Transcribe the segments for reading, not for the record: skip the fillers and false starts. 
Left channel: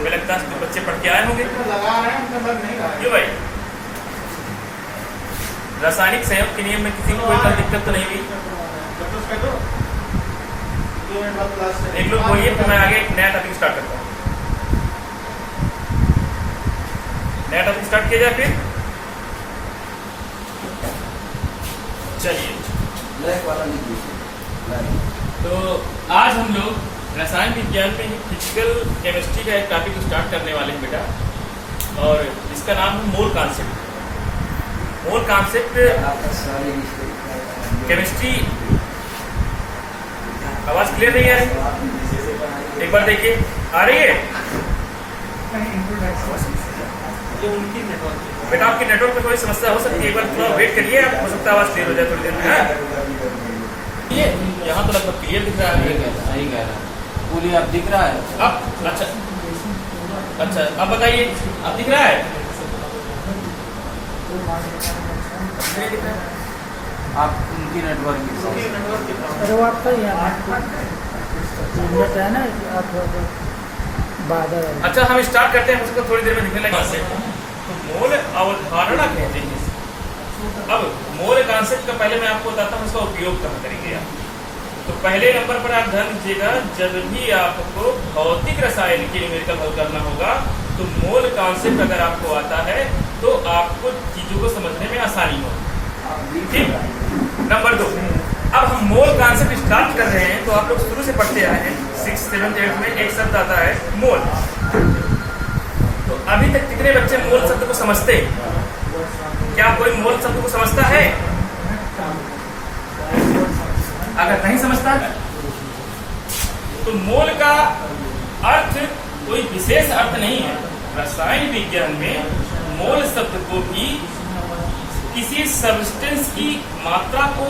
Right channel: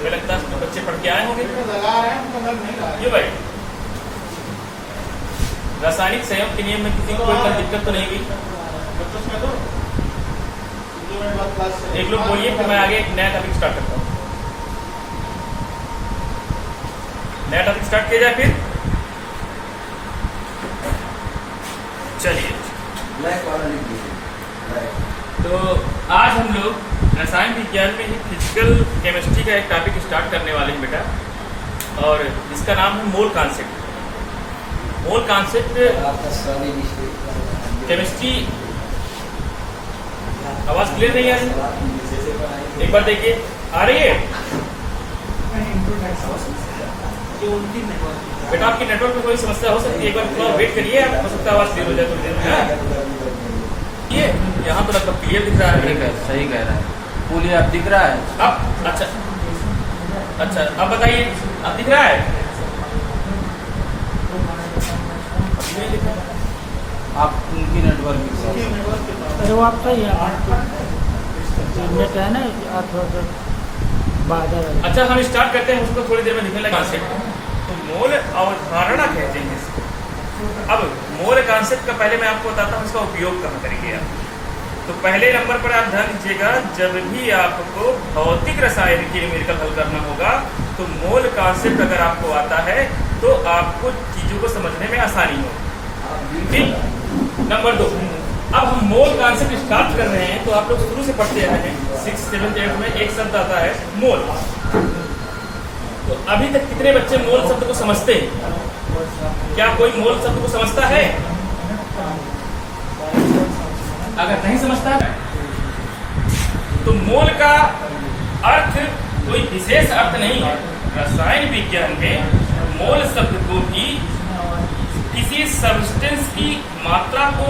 हमें लगता है इसमें बच्चे पढ़ के आए होंगे क्यों भाई। रासायनिक संयोग के नियम में किसी को कोई दिक्कत तो नहीं हुई? एक लोग बोलिए, फिर मैं आगे एक नया टॉपिक स्टार्ट करता हूँ। नया टॉपिक स्टार्ट किया जाए फिर। चलिए, तो आज हम लोग रसायन विज्ञान में ही फिजिकल केमिस्ट्री का एक टॉपिक स्टार्ट करने वाले हैं बेटा, और इसका नाम है mole concept. Mole concept chemistry. आवाज क्लियर नहीं आ रही? एक बार देखिए, आ रही है बेटा? आपके नेटवर्क में कोई समस्या हो सकती है, एक बार थोड़ा वेट करिए, आप हो सकता है आवाज क्लियर हो जाए थोड़ी देर में। ये यहाँ तो लगभग क्लियर दिख रहा है। सही कह रहा है, पूरी आप दिख रहा है अब? अच्छा अच्छा, अब बताइए, अब दिख रहा है? आप उनकी नेटवर्क अरे वो आपका यहाँ नेट है ना, थोड़ा बादल। अच्छा, हम स्टार्ट करते हैं, उसको थोड़ी देर में दिखने लगे। तो मोल अवधारणा कहते हैं इसको। अब मोल कॉन्सेप्ट का पहले मैं आपको बताता हूँ इसका उपयोग कहाँ करेंगे आप। तो पहले नंबर पर आप ध्यान दीजिएगा, जब भी आपको भौतिक रसायन की न्यूमेरिकल हल करना होगा तो मोल कॉन्सेप्ट अगर आपको आता है तो आपको चीजों को समझने में आसानी होगी। ठीक। नंबर 2, अब हम मोल कॉन्सेप्ट स्टार्ट कर रहे हैं। तो आप लोग शुरू से पढ़ते आए हैं, 6th, 7th, 8th में एक शब्द आता है मोल। तो अभी तक कितने बच्चे मोल शब्द को समझते हैं? क्या कोई मोल शब्द को समझता है? अगर नहीं समझता है तो मोल का अर्थ कोई विशेष अर्थ नहीं है। रसायन विज्ञान में मोल शब्द को भी किसी सब्सटेंस की मात्रा को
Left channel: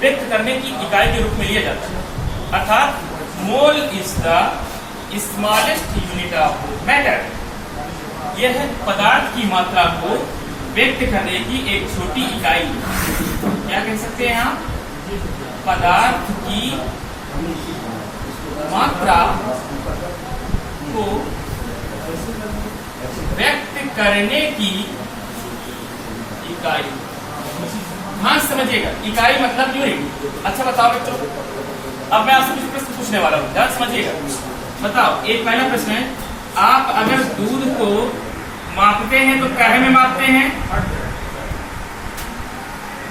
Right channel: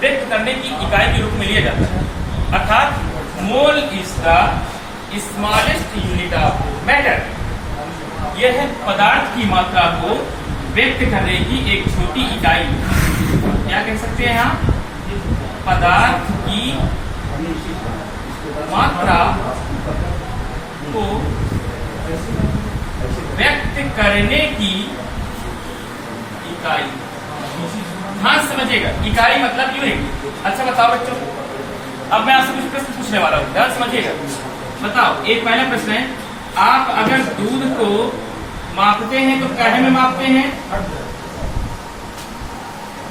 व्यक्त करने की इकाई के रूप में लिया जाता है। अर्थात mole is the smallest unit of matter. यह है पदार्थ की मात्रा को व्यक्त करने की एक छोटी इकाई। क्या कह सकते हैं यहाँ? पदार्थ की मात्रा को व्यक्त करने की इकाई। हाँ, समझिएगा, इकाई मतलब यूनिट। अच्छा बताओ बच्चों, अब मैं आपसे कुछ प्रश्न पूछने वाला हूँ, ध्यान समझिएगा। बताओ, एक पहला प्रश्न है, आप अगर दूध को मापते हैं तो काहे में मापते हैं?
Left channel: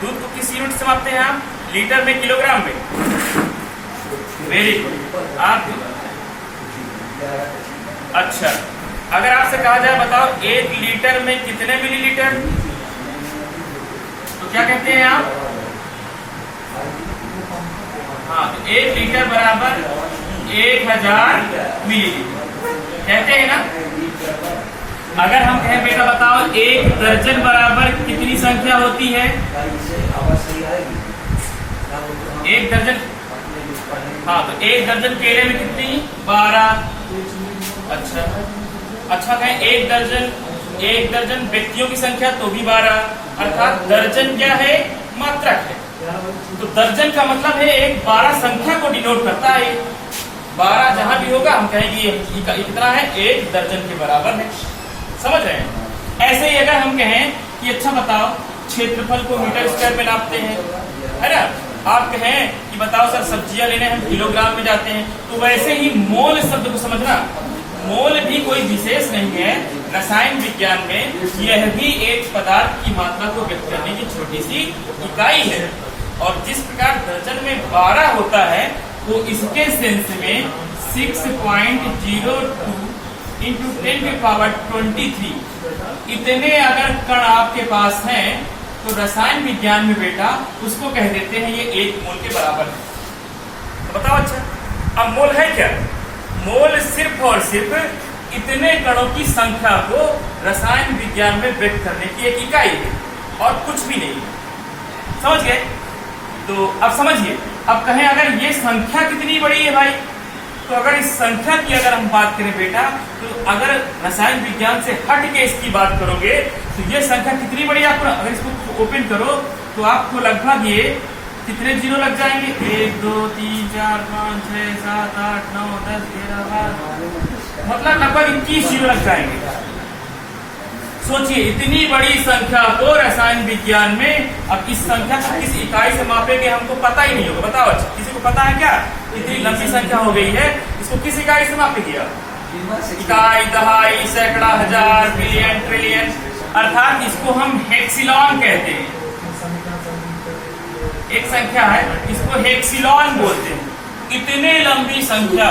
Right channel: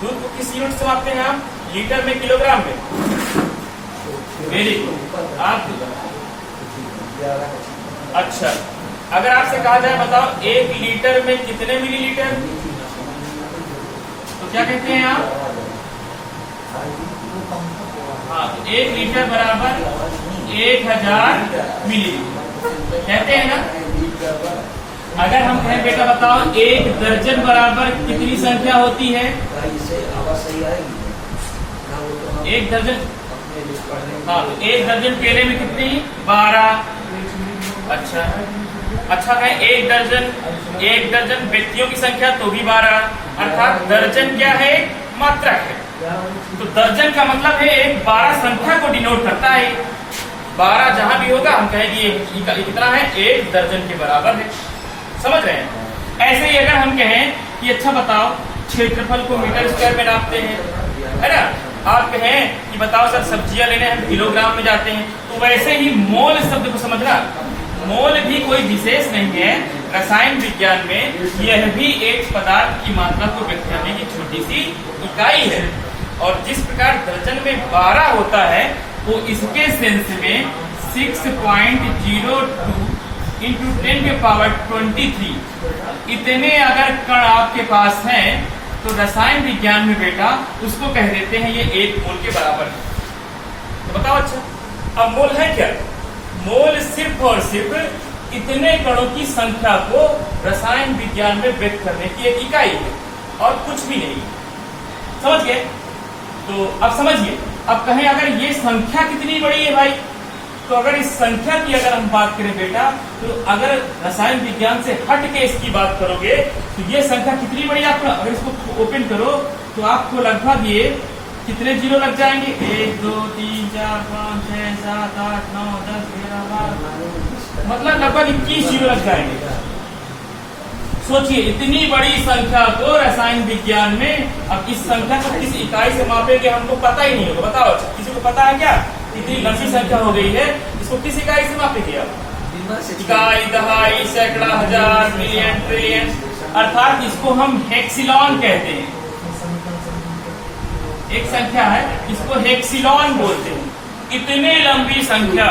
दूध को किस यूनिट से मापते हैं आप? लीटर में, किलोग्राम में? Very good. आप अच्छा, अगर आपसे कहा जाए बताओ 1 लीटर में कितने मिलीलीटर, तो क्या कहते हैं आप? हाँ, तो 1 लीटर बराबर 1000 मिलीलीटर कहते हैं ना। अगर हम कहें बेटा बताओ 1 दर्जन बराबर कितनी संख्या होती है? 1 दर्जन। हाँ, तो 1 दर्जन केले में कितनी? 12। अच्छा अच्छा, कहें 1 दर्जन व्यक्तियों की संख्या तो भी 12। अर्थात दर्जन क्या है? मात्रक है। तो दर्जन का मतलब है एक 12 संख्या को डिनोट करता है। 12 जहां भी होगा हम कहेंगे ये कितना है? 1 दर्जन के बराबर है। समझ रहे हैं? ऐसे ही अगर हम कहें कि अच्छा बताओ क्षेत्रफल को मीटर स्क्वायर में नापते हैं, है ना। आप कहें कि बताओ सर सब्जियां लेने हम किलोग्राम में जाते हैं, तो वैसे ही मोल शब्द को समझना। मोल भी कोई विशेष नहीं है रसायन विज्ञान में, यह भी एक पदार्थ की मात्रा को व्यक्त करने की छोटी सी इकाई है। और जिस प्रकार दर्जन में 12 होता है, वो इसके सेंस में 6.02 इंटू 10⁻23 इतने अगर कण आपके पास हैं तो रसायन विज्ञान में बेटा उसको कह देते हैं ये 1 मोल के बराबर है। तो बताओ अच्छा, अब मोल है क्या? मोल सिर्फ और सिर्फ इतने कणों की संख्या को रसायन विज्ञान में व्यक्त करने की एक इकाई है और कुछ भी नहीं है। समझ गए? तो अब समझिए, अब कहें अगर ये संख्या कितनी बड़ी है भाई, तो अगर इस संख्या की अगर हम बात करें बेटा, तो अगर रसायन विज्ञान से हट के इसकी बात करोगे तो ये संख्या कितनी बड़ी आपको, अगर इसको ओपन करो तो आपको लगभग ये कितने जीरो लग जाएंगे? 1 2 3 4 5 6 7 8 9 10 11 12 मतलब लगभग 21 जीरो लग जाएंगे। सोचिए इतनी बड़ी संख्या को रसायन विज्ञान में, अब इस संख्या को किस इकाई से मापेंगे हमको पता ही नहीं होगा। बताओ अच्छा, किसी को पता है क्या? इतनी लंबी संख्या हो गई है, इसको किस इकाई से मापेंगे आप? इकाई, दहाई, सैकड़ा, हजार, मिलियन, ट्रिलियन, अर्थात इसको हम हेक्सिलॉन कहते हैं। एक संख्या है, इसको हेक्सिलॉन बोलते हैं। इतनी लंबी संख्या,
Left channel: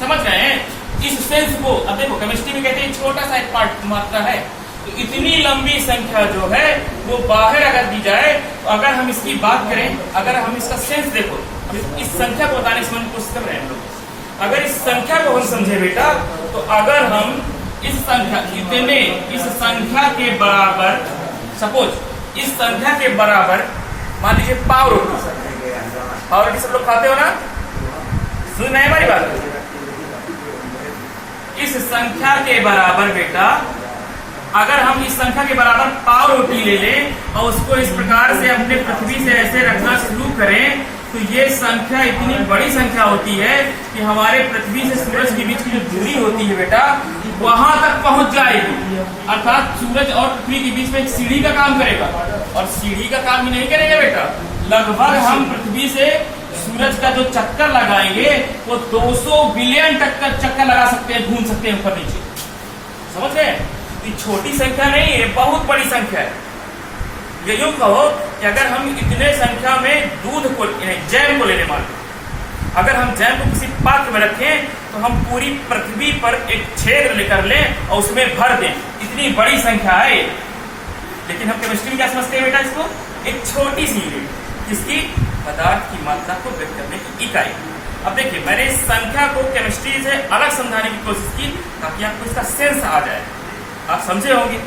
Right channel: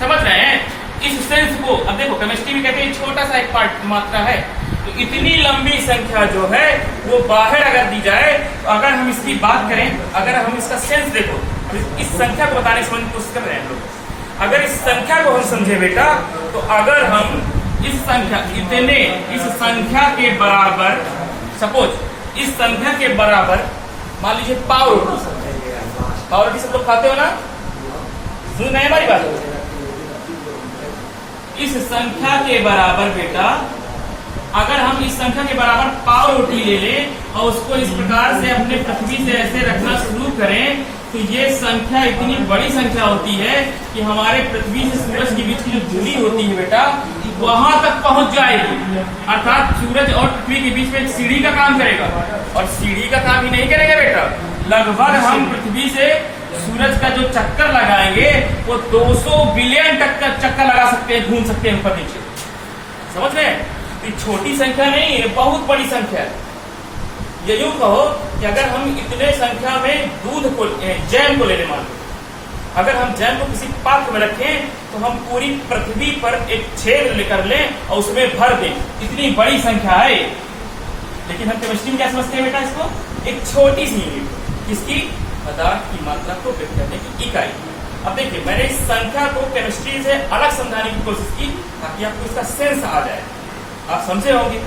समझ रहे हैं? इस सेंस को अब देखो केमिस्ट्री में कहते हैं छोटा सा एक पार्ट मात्रा है, तो इतनी लंबी संख्या जो है वो बाहर अगर दी जाए, तो अगर हम इसकी बात करें, अगर हम इसका सेंस देखो, इस संख्या को बताने की कोशिश कर रहे हैं हम लोग। अगर इस संख्या को हम समझे बेटा, तो अगर हम इस संख्या इतने इस संख्या के बराबर, सपोज इस संख्या के बराबर मान लीजिए पाव रोटी सब लोग खाते हो ना, सुन रहे हैं हमारी बात? इस संख्या के बराबर बेटा, अगर हम इस संख्या के बराबर पाव रोटी ले लें और उसको इस प्रकार से अपने पृथ्वी से ऐसे रखना शुरू करें, तो ये संख्या इतनी बड़ी संख्या होती है कि हमारे पृथ्वी से सूरज के बीच की जो दूरी होती है बेटा, वहां तक पहुंच जाएगी। अर्थात सूरज और पृथ्वी के बीच में एक सीढ़ी का काम करेगा, और सीढ़ी का काम ही नहीं करेगा बेटा, लगभग हम पृथ्वी से सूरज का जो चक्कर लगाएंगे वो 200 बिलियन तक का चक्कर लगा सकते हैं, घूम सकते हैं ऊपर नीचे। समझ रहे हैं? ये छोटी संख्या नहीं है, बहुत बड़ी संख्या है। ये यूं कहो कि अगर हम इतने संख्या में दूध को, जैम को लेने मान लो, अगर हम जैम को किसी पात्र में रखें तो हम पूरी पृथ्वी पर एक छेद लेकर लें और उसमें भर दें, इतनी बड़ी संख्या है। लेकिन हम केमिस्ट्री में क्या समझते हैं बेटा? इसको एक छोटी सी यूनिट, इसकी पदार्थ की मात्रा को व्यक्त करने की इकाई। अब देखिए, मैंने इस संख्या को केमिस्ट्री से अलग समझाने की कोशिश की ताकि आपको इसका सेंस आ जाए, आप समझे होंगे।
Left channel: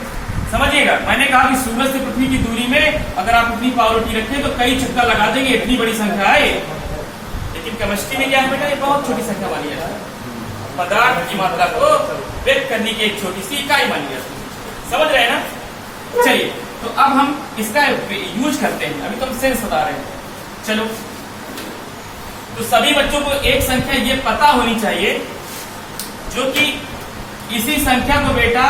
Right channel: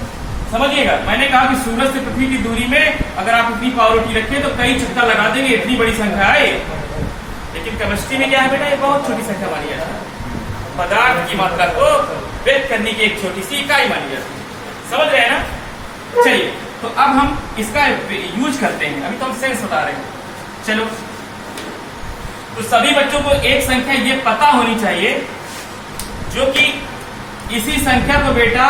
समझिएगा, मैंने कहा कि सूरज से पृथ्वी की दूरी में अगर आप इतनी पाव रोटी रखें तो कई चक्कर लगा देंगे, इतनी बड़ी संख्या है। लेकिन केमिस्ट्री में क्या है बेटा? ये बहुत छोटी संख्या मानी जाती है, पदार्थ की मात्रा को व्यक्त करने की एक छोटी सी इकाई मानी जाती है। समझ रहे हैं ना? चलिए, तो अब हम इसका यूज करते हैं। अभी तो हम सेंस बता रहे हैं। चलो, तो सभी बच्चों को एक संख्या ये पता होनी चाहिए, जो कि इसी संख्या को बेटा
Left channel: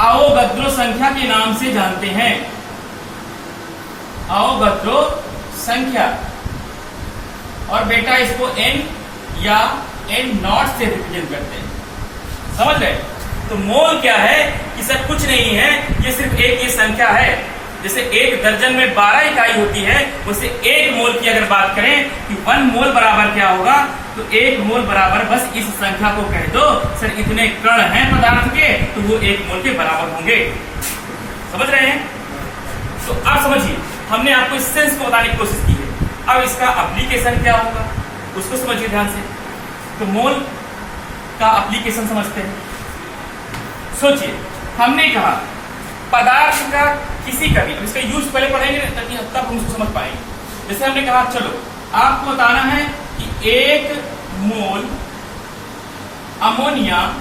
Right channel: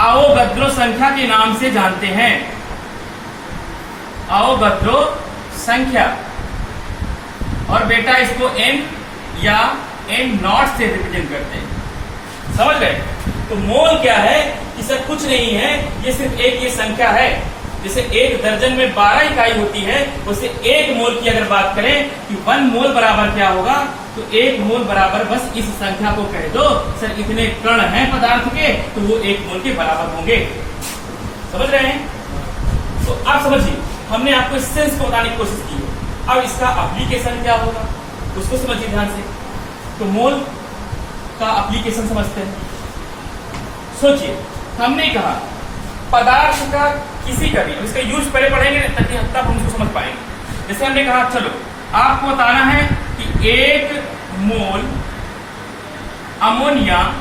अवोगाद्रो संख्या के नाम से जानते हैं। अवोगाद्रो संख्या, और बेटा इसको n या n0 से रिप्रेजेंट करते हैं। समझ गए? तो मोल क्या है? कि सर कुछ नहीं है, ये सिर्फ एक ये संख्या है। जैसे एक दर्जन में 12 इकाई होती है, उसे एक मोल की अगर बात करें कि 1 मोल बराबर क्या होगा, तो 1 मोल बराबर बस इस संख्या को कह दो, सर इतने कण हैं पदार्थ के, तो वो 1 मोल के बराबर होंगे। समझ रहे हैं? तो आप समझिए, हमने आपको इस सेंस को बताने की कोशिश की है। अब इसका एप्लीकेशन क्या होगा उसको समझिए ध्यान से। तो मोल का एप्लीकेशन समझते हैं। सोचिए, हमने कहा पदार्थ का किसी का भी, अब इसका यूज पहले पढ़ेंगे ताकि तब हम उसको समझ पाएंगे। जैसे हमने कहा, चलो आपको बताना है कि 1 मोल अमोनिया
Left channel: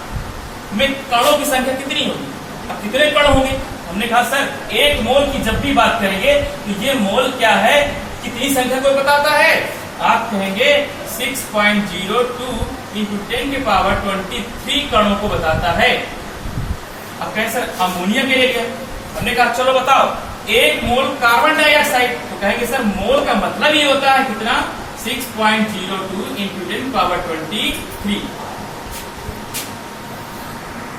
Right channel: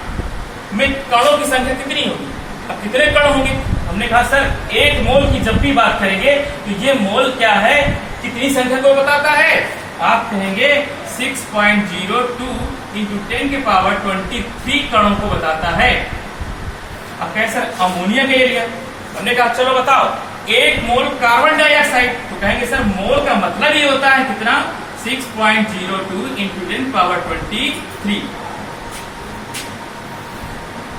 में कणों की संख्या कितनी होगी। अब कितने कण होंगे? हमने कहा सर 1 मोल की जब भी बात करेंगे तो ये मोल क्या है, कितनी संख्या को बताता है? आप कहेंगे 6.02 × 10⁻23 कणों को बताता है। अब कहें सर अमोनिया के लिए लिया, हमने कहा चलो बताओ 1 मोल कार्बन डाइऑक्साइड, तो कहेंगे सर मोल का मतलब ये होता है कितना, 6.02 × 10⁻23।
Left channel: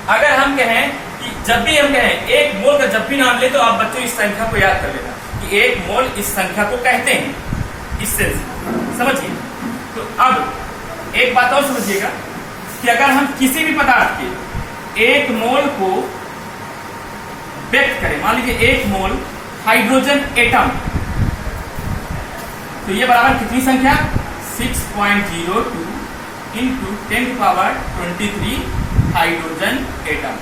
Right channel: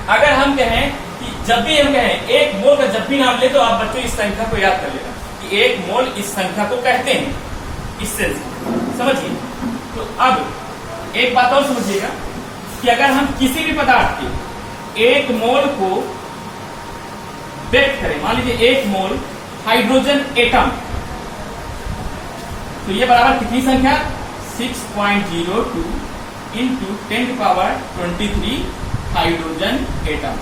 अगर हम कहें कि जब भी हम कहें 1 मोल का जब भी नाम ले, तो आप बच्चों इस संख्या को याद कर लेना कि 1 मोल इस संख्या को कहते हैं, इससे समझिए। तो अब एक बात और समझिएगा कि अगर हम किसी भी पदार्थ के 1 मोल को व्यक्त करें, मान लीजिए 1 मोल हाइड्रोजन एटम, तो ये बराबर कितनी संख्या, 6.02 × 10⁻23 हाइड्रोजन एटम,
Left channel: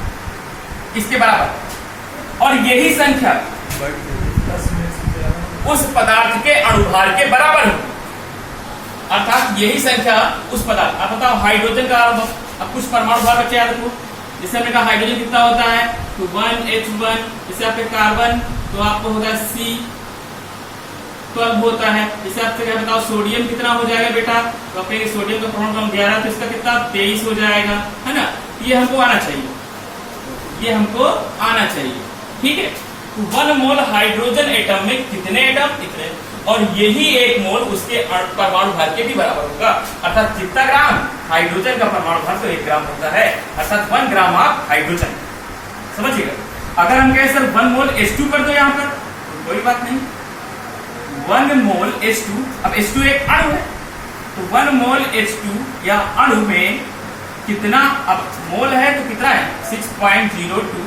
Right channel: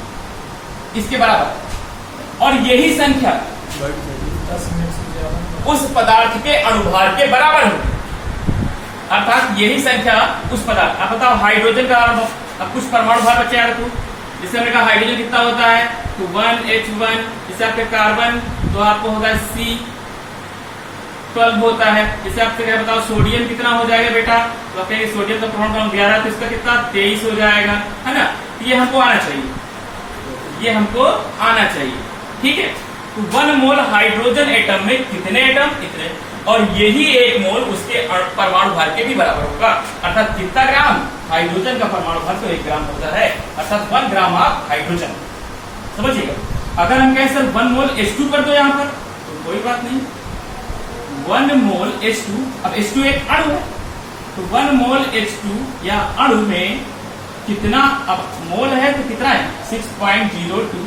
इसके बराबर। और यही संख्या उस पदार्थ के अणुभार के बराबर होगी, अर्थात यही संख्या उस पदार्थ। आप बताओ हाइड्रोजन का, अब कुछ परमाणु भार बचे यार को, जैसे हमने कहा हाइड्रोजन कितना होता है, तो 1H1, जैसे आपके कार्बन तो आपको होता है C12 होता है। जैसे आपसे क्या बताओ सोडियम कितना हो जाएगा बेटा, तो आप कहेंगे सोडियम का परमाणु क्रमांक 11, तो इसका कितना 23 हो जाएगा, है ना। तो ये हमको आना चाहिए, ये हमको आना चाहिए। ठीक है, तो 1 मोल हाइड्रोजन एटम में कितने एटम? इतने। और यही 1 मोल उसके परमाणु भार के भी बराबर होगा, अर्थात कितना ग्राम? हाइड्रोजन का परमाणु भार तो 1 ग्राम होता है, अर्थात 1 ग्राम ऑफ हाइड्रोजन। समझिएगा। अगर हम कहें सर 1 मोल H2 कर दो यहाँ पर, तो कोई बात नहीं, 1 मोल H2, अब H2 एक अणु है, तो 1 मोल H2 या अणु में कितना? अब मोल है तो कितना है? 6.02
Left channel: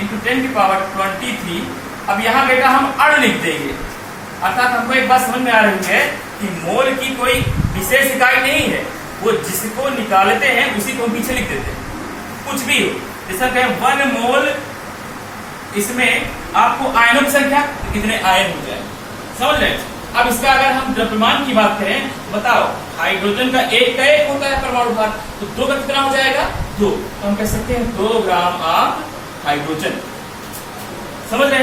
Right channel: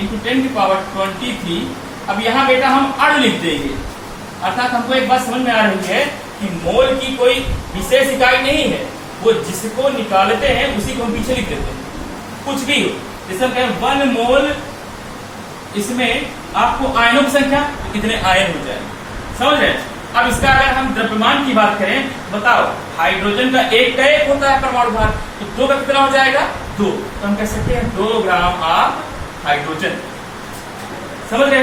इंटू 10⁻23। अब यहाँ बेटा हम अणु लिख देंगे, अर्थात हमको एक बात समझ में आ रही है कि मोल की कोई विशेष इकाई नहीं है, वो जिसको निकालते हैं उसी को हम पीछे लिख देते हैं, कुछ भी हो। जैसे कहें 1 मोल, इसमें आपको आयनों की संख्या, तो कितने आयन हो जाए, समझ रहे हैं? अब इसका अगर हम द्रव्यमान की बात करें, बताओ हाइड्रोजन का 1 होता है परमाणु भार, तो 2 का कितना हो जाएगा? 2। तो हम कह सकते हैं 2 ग्राम ऑफ हाइड्रोजन। समझ रहे हैं?